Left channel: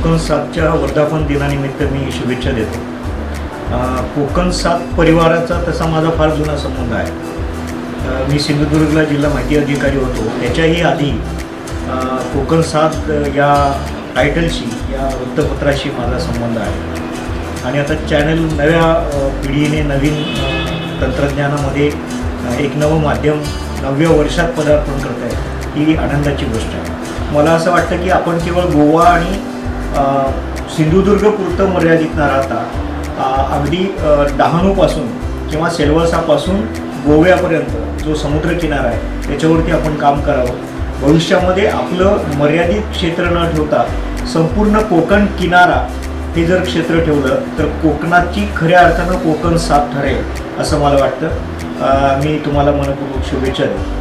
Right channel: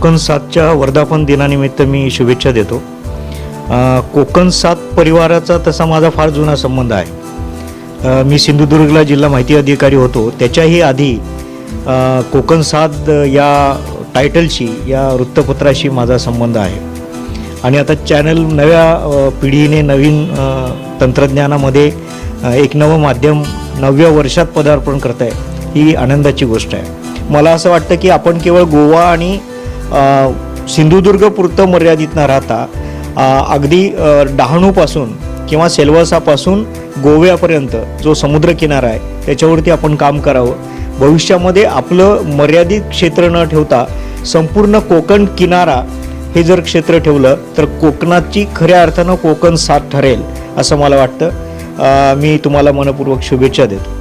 कोकण 7च्या वर्धापन दिनानिमित्त मी शुभेच्छा देतो। कोकण 7 परिवाराचा तसा माझा फार जुना संबंध आहे। मी सिंधुदुर्गला जिल्हा माहिती अधिकारी होतो, त्याच्याही आधी कोकण 7 या टायटलशी, या वृत्तपत्राशी माझा संबंध आहे। आणि आता चॅनल नव्या पिढीने नवीन तंत्रज्ञानामध्ये एक नवं माध्यम 9व्या वर्षात पदार्पण करत आहे, ही आनंदाची गोष्ट आहे। मला असं वाटतं की आपण केवळ गोवा आणि सिंधुदुर्गपुरतं मर्यादित न राहता अगदी डहाणूपासून किंवा सेल्वासापासून गोव्यापर्यंत जो समुद्रकिनारा आहे त्याच्यावरती आपण काम करावं। भविष्यामध्ये आपलं मर्यादित क्षेत्र न ठेवता संपूर्ण कोकण किनारा हे जर क्षेत्र ठेवलं तर कोकणाची खऱ्या अर्थानं कोकण 7 ठरेल असं मला वाटतं। मी तुम्हाला मनपूर्वक शुभेच्छा देतो।